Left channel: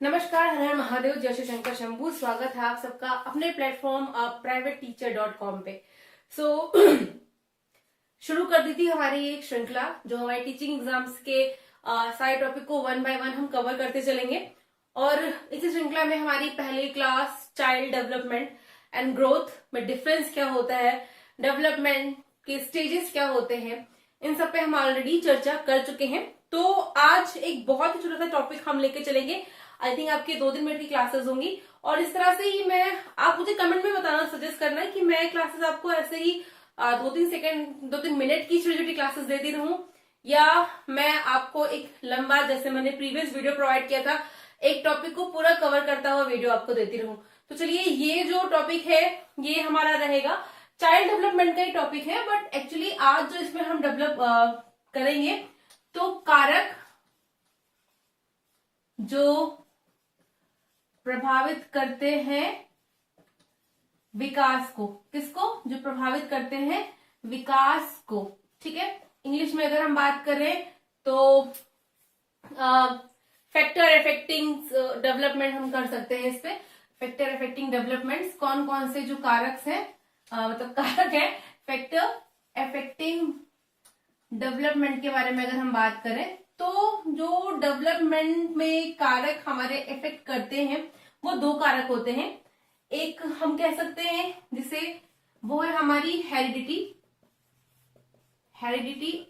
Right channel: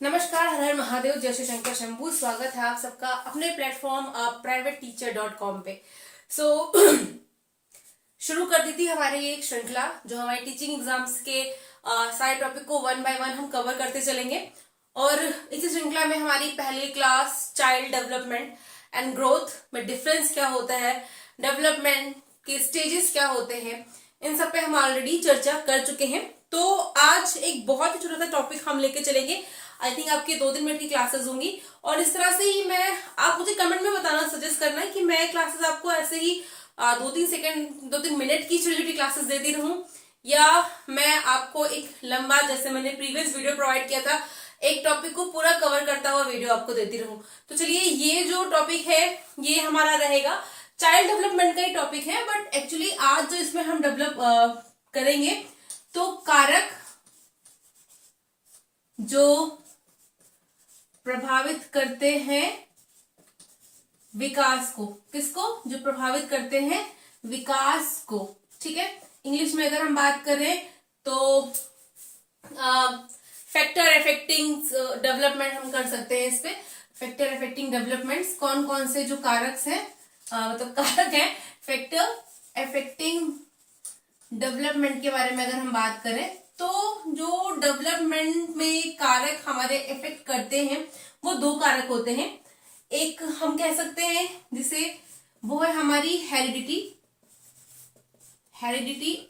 नमस्कार, हर हर महादेव, जय श्री शंकर शंभू। स्वागत है आप सबका अपने प्लेटफॉर्म privateteacher.com पे। शुरू कर दी थी हमारी एक श्रृंखला जो हमारे टीचिंग एग्जाम्स के सारे टॉपिक को वन बाय वन हम कवर करते चलेंगे। और इसी श्रृंखला में हमारी पहली class child development and growth में डिफरेंस क्या होता है, डेवलपमेंट के स्टेजेस क्या होते हैं, इन सब पे हम ऑलरेडी चर्चा कर चुके हैं। तो आज एक बहुत ही छोटा सा टॉपिक हम लेके चलेंगे। आई थिंक आपकी 2 दिन मिनट की क्लासेस होंगी और इस तरह से ही आप मुझे कमेंट में बताना, सजेस्ट करना है कि मैं क्लासेस आपको ऐसे ही 2-3 मिनट की छोटी छोटी क्लासेस देती रहूं, या मैं आपको एक लंबा, जैसे मैंने प्रीवियस वीडियो प्रोवाइड किया था, एक टॉपिक को पूरा कवर करता हुआ वीडियो आपको देती रहूं। तो चलिए, ये जो टॉपिक है ये हमारा रहेगा चाइल्ड डेवलपमेंट का ही टॉपिक है, बट एक्चुअली आज जो इसमें हम डेवलप करेंगे तो कारक जो प्रभावित करते हैं विकास को, किसको? जो प्रभावित करते हैं विकास को। ठीक है, इंग्लिश में अगर हम बात करें तो फैक्टर अफेक्टिंग डेवलपमेंट हम कर सकते हैं। इस पे फैक्टर अफेक्टिंग डेवलपमेंट्स कौन कौन से जो कारक हैं, मतलब कारक है फैक्टर अफेक्टिंग डेवलपमेंट के बारे में अगर हम बात करें तो जो डेवलपमेंट में कारक हमारे इफेक्ट करते हैं वो 2 कारक होते हैं। एक हम कह सकते हैं जिसे वो है हमारी हेरिडिटी,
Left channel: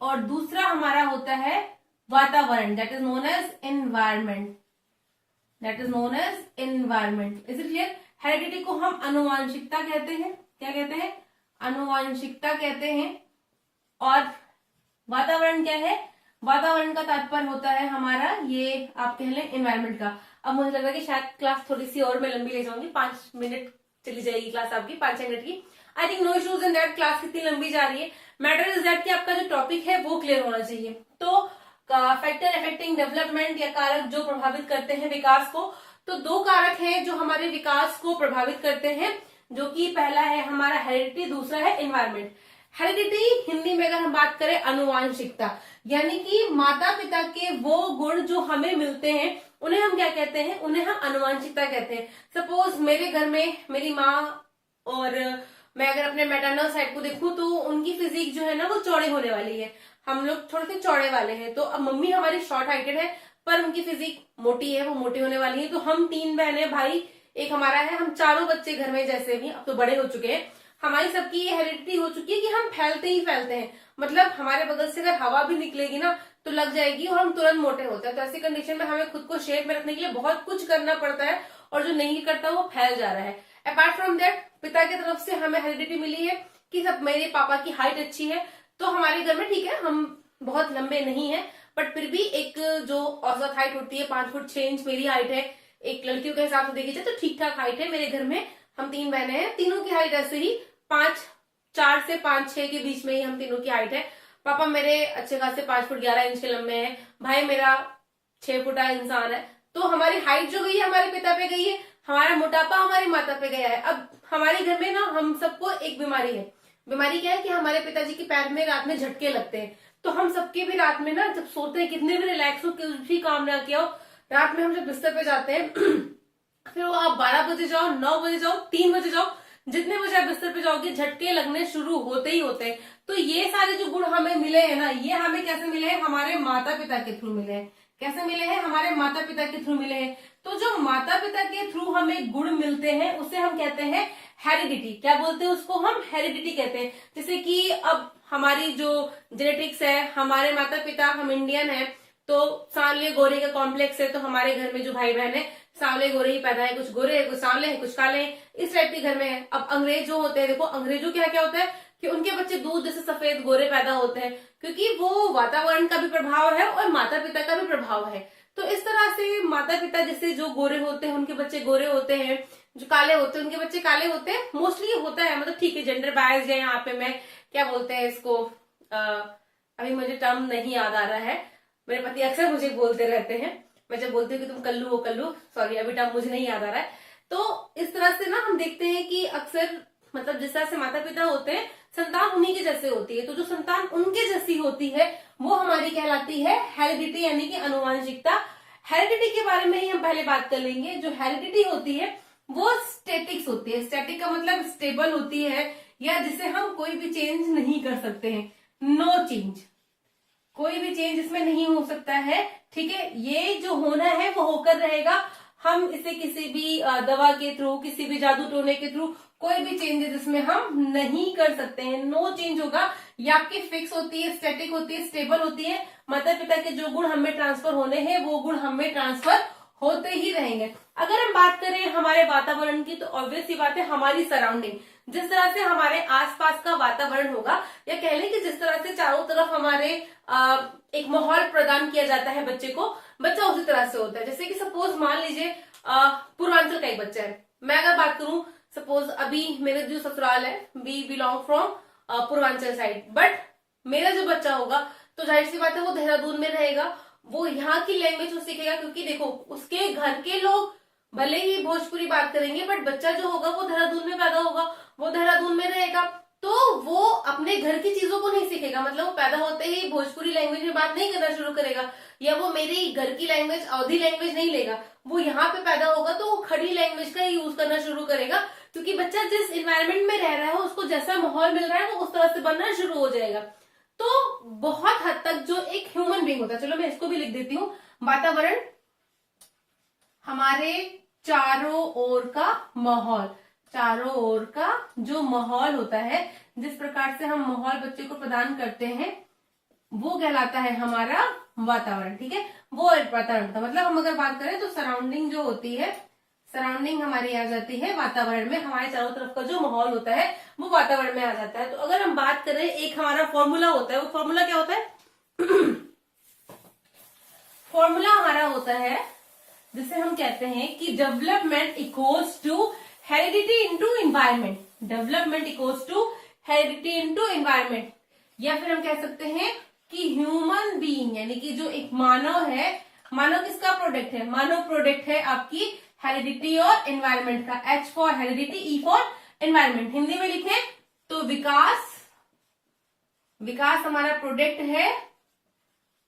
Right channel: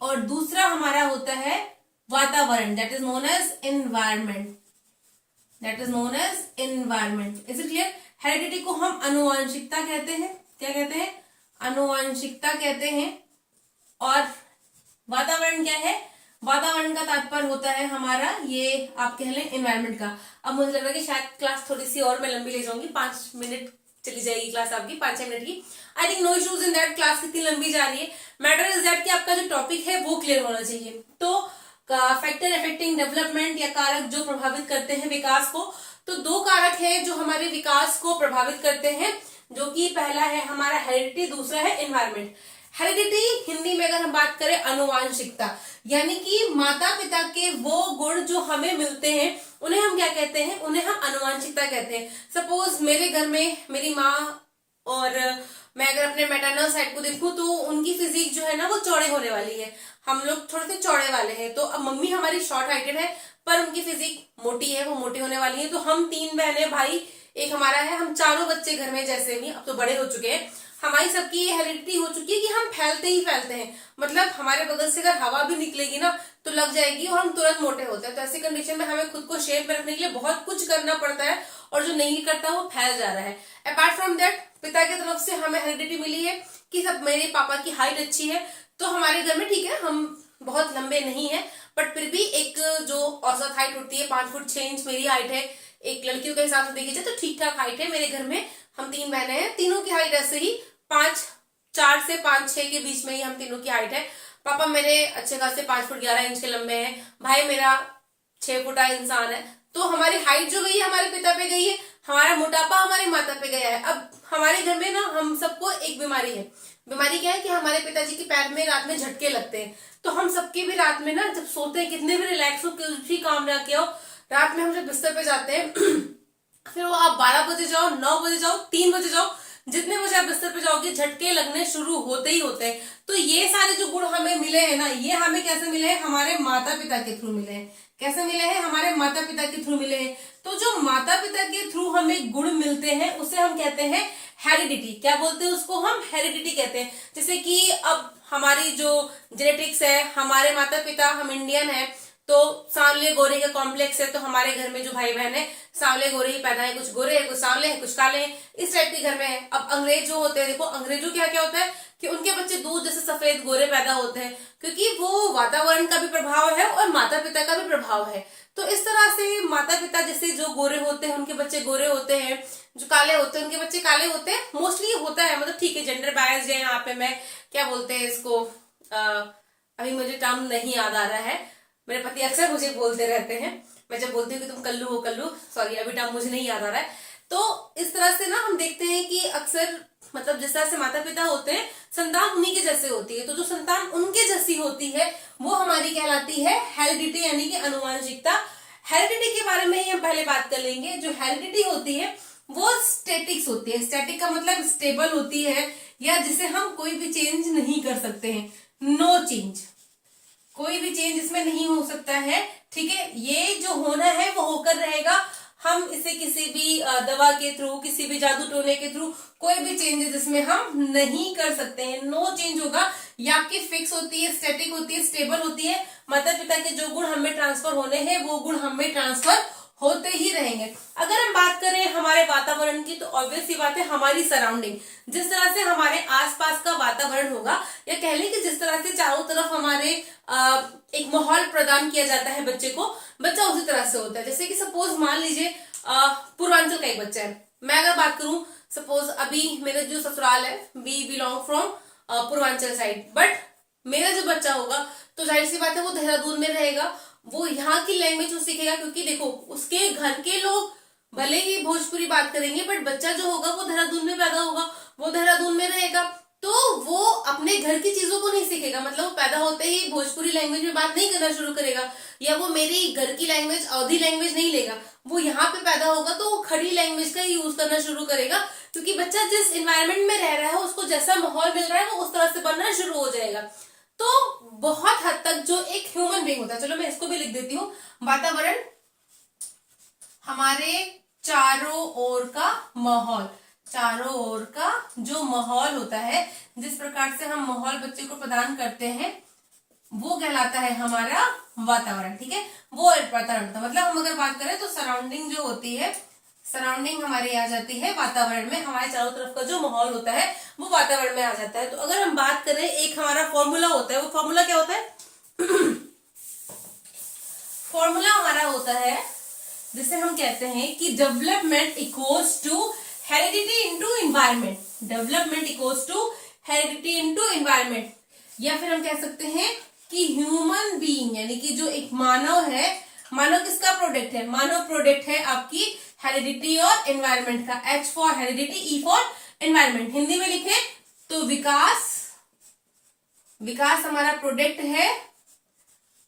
और दूसरा हमारा होता है वातावरण, that is known as environment. Is it clear? Heredity को हम आनुवांशिकता कहते हैं। क्या कहते हैं? आनुवांशिकता कहते हैं। और वातावरण क्या है? वातावरण का तात्पर्य होता है हमारा, ये आप कह लें, एनवायरमेंट का। अब मुझे लग रहा है कि शायद क्लास थोड़ी सी और मैं लंबी ले जाऊंगी, 5 मिनट चली जाएगी क्लास आपकी, 5-6 मिनट की। I think no issues in that. Class कितनी लंबी जा रही है, मैटर इज दैट कि आपका जो टॉपिक है वो क्लियर होना चाहिए। तो फैक्टर अफेक्टिंग डेवलपमेंट या कारक जो प्रभावित करते हैं विकास को, तो 2 कारक हैं जो हमारे विकास को प्रभावित करते हैं, जो कि पहला है हमारा हेरिडिटी, दूसरा है एनवायरमेंट। हेरिडिटी हिंदी में अगर हम बात करें आनुवांशिकता, यानी कि माता पिता के वो गुण जो हमें मिलते हैं उन्हें हम क्या कहते हैं? उन्हें हम आनुवांशिकता कहते हैं। सपोज मेरे घर में मेरी माँ और मैं अगर अपने मैटरनल साइड को देखूं तो उनकी फिजिक जो है ना वो चौड़े होने वाली है, हम लोग थोड़े से चौड़े वाले हैं। तो अब मम्मी हमारी शॉर्ट हाइटेड है पर उनकी फिजिक मोटी है, वो मोटी होने वाली है। तो हम 3 बहनें, भाई एक हमारा है, हम चारों बच्चे घर में, जैसे भी अब तो बड़े हो चुके हैं, हमारी सबकी ये हेरिडिटी हो चुकी है कि हम फैलते ही फैलते हैं। मतलब हमारे बगल से अगर हवा भी निकलेगी ना तो लग जाएगी और हम तुरंत मोटे होते हैं। तो ऐसी कंडीशन में हमें खुद को शेप में रखने के लिए बहुत कुछ करना पड़ता है, और जो नहीं करता वो फैल जा रहा है। अपार्ट फ्रॉम दैट, पिता की तरफ से हमें हेरिडिटी मिली है कि सब, मेरे पापा की हाइट अच्छी है, तो हमारे घर में ठीक है, हम बहुत लंबे नहीं है, बट फिर भी एक जो औसत हाइट होती है 5 फुट 6 इंच मेरी हाइट है। एक लड़कियों के हिसाब से देखी जाए तो ठीक ठाक हाइट है मेरे घर में। हम 3 बहनें हैं, तीनों की हाइट ऐसे ही 4 से 5-6 के बीच में ही हम तीनों की हाइट है। पापा मेरे अच्छे खासे 5 फुट 11 इंच के लंबे हैं, भाई मेरा 6 फुटा इंसान है। तो हमारी हाइट जो गई है हमारे पिता पे गई है, हमारा मोटापा हमारी माता पे गया है। अब हमारे घर में ना हम सबको एक बीमारी है। बीमारी क्या है कि हमारे पिताजी के पैर में रात में झटके लगते हैं। तो हम सबके भी रात में ना जब सोते हैं, कितने भी रिलैक्स हो, कुछ भी काम ना किया हो, रात में हम जब बिस्तर पे जाते हैं फिर वो आप 12 बजे जाओ, 9 बजे जाओ, 3 बजे जाओ, जितने बजे आप बिस्तर पे जाओगे झटके लगने शुरू होते ही होते हैं। तो ये सारे जो गुण हमें मिले हैं ना, ये हमें कैसे मिले हैं? हमारे माता पिता के थ्रू मिले हैं। कैसे मिले हैं? हमारे माता पिता के थ्रू मिले हैं। तो जो माता पिता के थ्रू हमें गुण मिलते हैं उसे हम कहते हैं हेरिडिटी। क्या बोलते हैं उसको? हम हेरिडिटी कहते हैं। जैसे कि अब हमारी जो जेनेटिक्स है, हमारे माता पिता, हम इंडियन है तो सांवले गोरे का कॉम्प्लेक्स है, तो हमारे घर में जो भाई बहन है सांवले गोरे ही पैदा है, कुछ गोरे है, कुछ सांवले है, कुछ काले हैं, इस टाइप के घर में है। अब अंग्रेज जो होते हैं, देखो अंग्रेजों क्या क्या होता है कि उनके बच्चे दूध जैसे सफेद गोरे पैदा होते हैं, क्योंकि वो वातावरण का भी प्रभाव है और माता पिता का भी प्रभाव है। तो इस तरह से माता पिता जैसे जो गोरे होते हैं उनके बच्चे गोरे होते हैं, जो काले होते हैं उनके बच्चे काले होते हैं। मोस्टली होता है, मतलब ठीक है, जेंडर बायस है यहाँ पे। मैं क्या बोलते हैं इसको, अभी मुझे टर्म नहीं याद आ रहा है, मेरे पति अक्सर मुझे बोलते रहते हैं, मैं जब बोलती हूँ कि तुम कल्लू हो, कल्लू, सॉरी अभी टर्म मुझे नहीं याद आ रहा है। तो इस तरह से ना हम देखते हैं कि अक्सर, मतलब जिस तरह से माता पिता होते हैं, संतान उन्हीं के जैसे होती है। तो जो संतान उनके जैसी होती है वो हमारी कहलाती है हेरिडिटी, यानी कि अनुवांशिकता। हेरिडिटी के बारे में ही हम पहले बात कर लेंगे। जो हेरिडिटी होती है वो स्टैटिक्स होती है। स्टैटिक का मतलब स्टेबल होती है, या जिसे हम कोई भी चेंज नहीं कर सकते हैं, नो चेंज, कोई भी चेंज इसमें नहीं हो सकता है। ठीक है, ये जो होना है वो होकर रहेगा। हम इसे किसी भी दवा के थ्रू, किसी भी जादू टोने के थ्रू कोई भी चेंजेस इसमें हम नहीं कर सकते हैं। नो चेंज होगा। ये आपकी फिक्स होती है, स्टैटिक होती है, स्टेबल होती है। माता पिता के जो गुण हमें ट्रांसफर होने हैं वो गुण हमें ट्रांसफर होते ही रहेंगे। अगर हम बात करें हमारे वातावरण की, तो ऑब्वियस सी बात है हमारी सराउंडिंग, जिस तरह से हमारे आसपास का वातावरण होगा, या कह लें कि जिस तरह से चारों तरफ हमारे एक माहौल प्रदान किया जाता है बच्चे को, बच्चा उसी तरह से होता है। जैसे कि सपोज मान लीजिए पूर्वांचल का एक बच्चा है। मैं अगर बात करूं, सपोज अभी मेरा जो ससुराल है, we belong from Purvanchal side, but मेरा जो बच्चा होगा तो जाहिर सी बात है वो देहरादून में रहेगा, वो यहाँ की लैंग्वेज वो सीखेगा। क्योंकि देखो उसके घर के लोग भले ही भोजपुरी बात करेंगे, बट बच्चा जो होगा वो देहरादून में पैदा होगा, वो देहरादून में रहेगा, तो वो अपने घर की चीजों को नहीं सीखेगा। मतलब वो पैदा होते ही भोजपुरी लैंग्वेज में बात नहीं करना शुरू करेगा, या वो मेरी घर की लैंग्वेज अवधी लैंग्वेज नहीं लेगा। वो यहाँ पे पैदा होगा तो वो खड़ी लैंग्वेज का यूज करना शुरू करेगा, क्योंकि बच्चा जिस इन्वायरमेंट में रह रहा है, उसको जैसा माहौल मिल रहा है वो उस तरह से बनना शुरू हो जाएगा। तो बहुत हद तक जो एक ह्यूमन बीइंग होता है, चलो मैं इसको भी लिख देती हूँ, वातावरण हमारे चारों ओर का माहौल, चारों ओर का जो माहौल होता है, जिस प्रकार से हम माहौल बच्चे को प्रदान करते हैं, वो कहलाता है हमारा वातावरण। ठीक है, वो वातावरण था। मतलब हम अगर बात करें तो सराउंडिंग जो होती है, सराउंडिंग हमारी आ जाती है वातावरण में। हमारे चारों तरफ का जो माहौल होता है वो वातावरण में आ जाता है। तो अगर हम बात करें, एक हमारा फॉर्मूला होता है, वो फॉर्मूला क्या होता है? फॉर्मूला हमारा होता है जिसे हम कहते हैं कि development equals to heredity into environment. Development equals to heredity into environment, या फिर हम कह सकते हैं कि ह्यूमन बीइंग, यानी कि जो एक मानव है, मानव किसका प्रोडक्ट है? मानव प्रोडक्ट है आपकी हेरिडिटी और एनवायरनमेंट का। H for heredity, E for environment. Hindi में लिखे तो विकास, विकास हमारा प्रोडक्ट है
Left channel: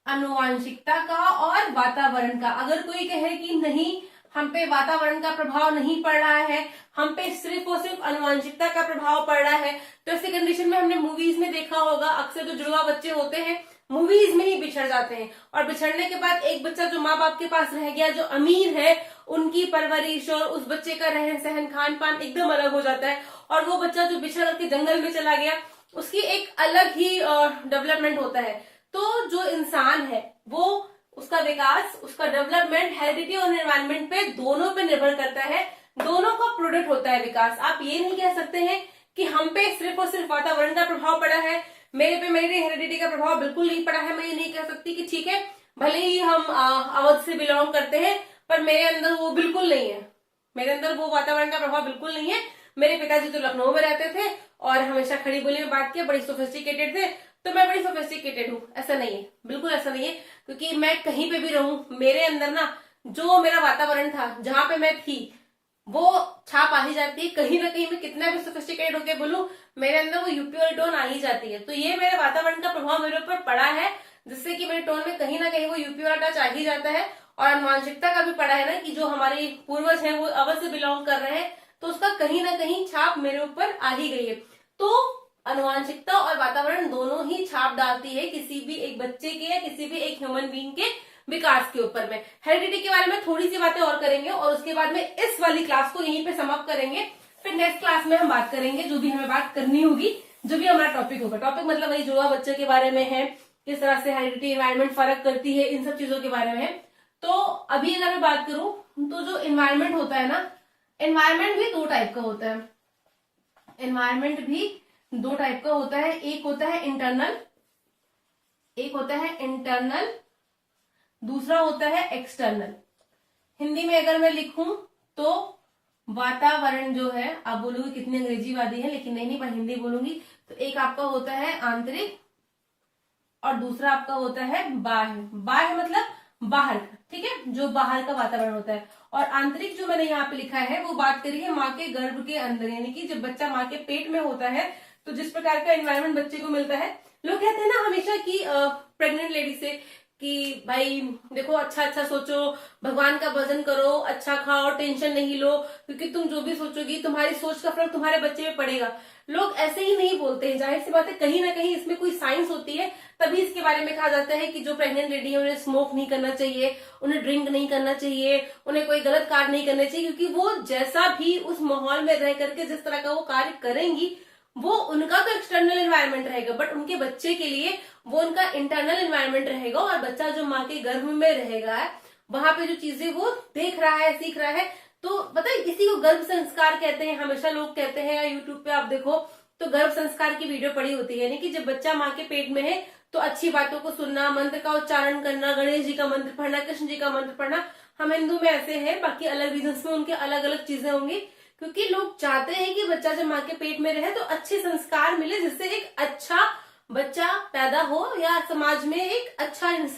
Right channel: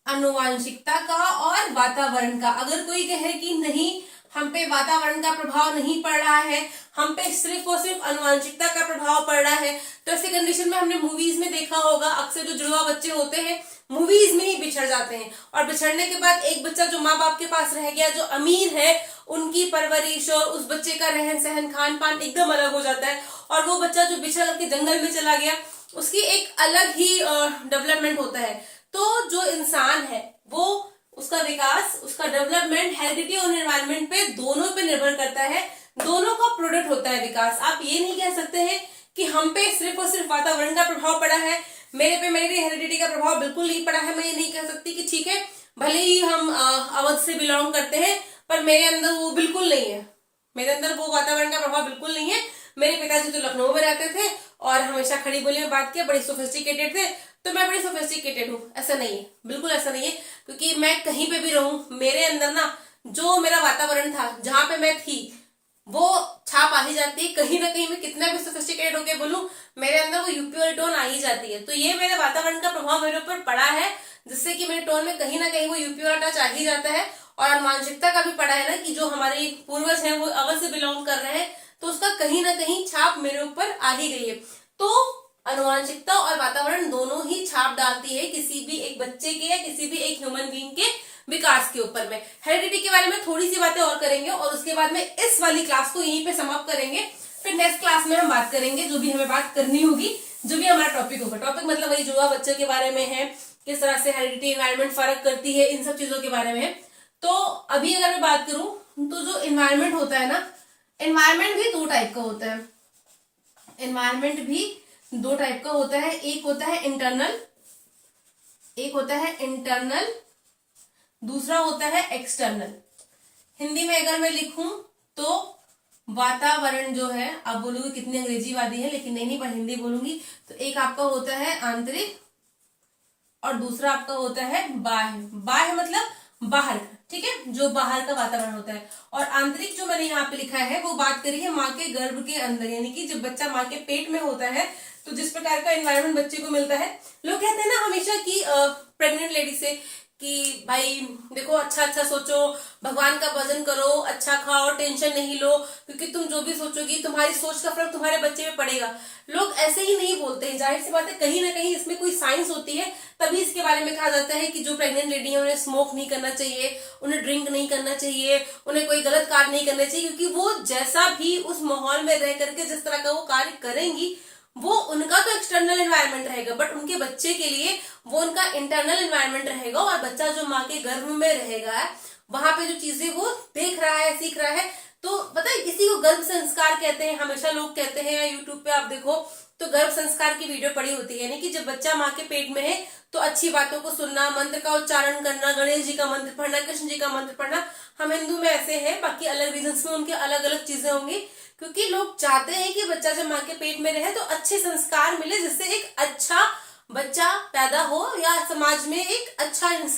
आनुवांशिकता का और वातावरण का। अगर कोई कहे कि नहीं हम पे वातावरण का प्रभाव नहीं पड़ रहा है, हम पे सिर्फ और सिर्फ आनुवांशिकता का प्रभाव पड़ रहा है, तो ऐसी कंडीशन में हमने मूवीज में देखा होगा, अक्सर जो जुड़वा बच्चे होते हैं मूवीज में ही बिछड़ जाते हैं। और बिछड़ने के बाद एक बच्चा जो माँ बाप के पास रह गया, जो अमीर है, उनकी परवरिश और उस बच्चे का रहन सहन खान पान एकदम अलग हो जाता है। और वो बच्चा जो बिछड़ के जंगल में चला गया, उसकी एक अलग ही डेवलपमेंट होता है। तो जो इंसान है वो, उसका विकास, उसका डेवलपमेंट हेरिडिटी और एनवायरनमेंट पे दोनों पे निर्भर करता है। दोनों का प्रोडक्ट होता है विकास। आप ये नहीं कह सकते हैं कि हम पे सिर्फ और सिर्फ वातावरण का प्रभाव पड़ा है, मेरे पे मेरी हेरिडिटी का प्रभाव बिल्कुल नहीं पड़ा है। मैं ये नहीं कह सकती कि ठीक है भले ही हम अवध से बिलोंग करते हैं, पर मेरे अंदर वो बिल्कुल नहीं है, मेरे अंदर वो वातावरण का प्रभाव बिल्कुल नहीं है। मेरे पिताजी तो लखनऊ में रहते थे और हमेशा खड़ी बोली में बात किया, बड़ी सोफिस्टिकेटेड थे, तो मैं बड़ी सोफिस्टिकेटेड हूँ। ऐसा नहीं है, बिल्कुल ऐसा नहीं है। क्योंकि मैं कहीं पे भी रहूं, मेरे अंदर ना जो मेरा वातावरण था, जहां पे मैं थी, वो छाप आ ही जाती है। कहीं ना कहीं मैं कितना भी सोफिस्टिकेटेड होके बोलूं, मेरे अंदर वो यूपी वाली टोन आ ही जाती है। तो ये मेरे वातावरण का प्रभाव मेरे ऊपर पड़ा है, जिससे कि मेरे टोन में कहीं ना कहीं वो यूपी वाला टच आ ही जाता है। और अनुवांशिकता का भी पड़ा है ना, कि जो हमारे पूर्वज हैं वो अवध से बिलोंग कर रहे हैं, तो उसका कहीं ना कहीं छाप मेरे ऊपर आ ही गई है। तो अनुवांशिकता और वातावरण दोनों ही छाप डालती है किसी भी एक बच्चे के या किसी भी एक ह्यूमन बीइंग के विकास के ऊपर में। हेरिडिटी के बारे में थोड़ी सी बातें और करेंगे और उसके बाद में इस वाली क्लास को यहीं पे समाप्त करेंगे। फिर नेक्स्ट क्लास में हम बात करेंगे जो भी हमें बात करनी होगी, जो भी हमारा टॉपिक होगा। टॉपिक मतलब वही जुड़वा बच्चे के बारे में है, किस तरह से हेरिडिटी एनवायरनमेंट फर्क करती है, इन सब चीजों के बारे में है। तो अभी अगर मैं बात करूं तो जो एनवायरनमेंट होता है ना, एनवायरनमेंट भी दो टाइप का होता है। एनवायरनमेंट भी दो टाइप का होता है। एक होता है इंटरनल, एक होता है इंटरनल, दूसरा होता है एक्सटर्नल। हिंदी में अगर मैं लिखूं तो वातावरण जो है, आप बोलोगे कितनी अंग्रेजीवादी है, लेकिन नहीं, पर हिंदी बोलूंगी तो एक आपका होता है आंतरिक और दूसरा आपका होता है बाह्य। बाह्य मतलब बाहर का, ठीक है, जो बाहर का वातावरण होता है। और आंतरिक जो मैंने यहाँ पे लिखा है वो बात करी है माँ के गर्भ के अंदर, यानी कि जब बच्चा माँ के पेट में होता है तो जिस प्रकार का एनवायरनमेंट बच्चे को मिलता है। लोग कहते हैं ना हमेशा कि प्रेग्नेंट लेडी से कि भाई देखो अच्छा अच्छा सोचो, भगवान का भजन करो, अच्छा खाओ, टेंशन नहीं लो, क्योंकि तुम जो भी सोचोगी तुम्हारी सोच का फर्क तुम्हारे बच्चे पे पड़ेगा। लोग ऐसे ही नहीं बोलते हैं, जाहिर सी बात है कहीं ना कहीं इसमें कोई साइंस होती है, तभी इसके बारे में कहा जाता है कि जो प्रेग्नेंट लेडी है उन्हें स्मोक नहीं करना चाहिए, उन्हें ड्रिंक नहीं करना चाहिए, उन्हें कोई गलत कार्य नहीं करना चाहिए, क्योंकि वो जैसा भी उस माहौल में रह करके जिस तरह का वो कार्य करेंगी, वो उनका तो एक्सटर्नल एनवायरनमेंट रहेगा, बट उनके बच्चे के लिए वो उनका इंटरनल एनवायरनमेंट रहेगा। और बच्चा जो माँ के गर्भ में रहेगा, वहां पे जो चीजें वो देख रहा है, सीख रहा है, तो पता है इसी को गर्भ संस्कार कहते हैं। हमेशा लोग कहते हैं, या यूट्यूब पे आप देखो तो गर्भ संस्कार की वीडियो पड़ी होती है, यानी कि जब बच्चा माँ के पेट में है तो अच्छी बातों को सुनना, मंत्र का उच्चारण करना, गणेश जी का मंत्र पढ़ना, कृष्ण जी का मंत्र पढ़ना। हम हिंदू में ऐसे हैं, बाकी अलग रीजन्स में उनके अलग अलग चीजें होंगी, क्योंकि लोग चाहते हैं कि बच्चा जब माँ के पेट में रहे तो अच्छे संस्कार मिले, जिससे एक अच्छा बच्चा पैदा हो या समाज में एक अच्छा इंसान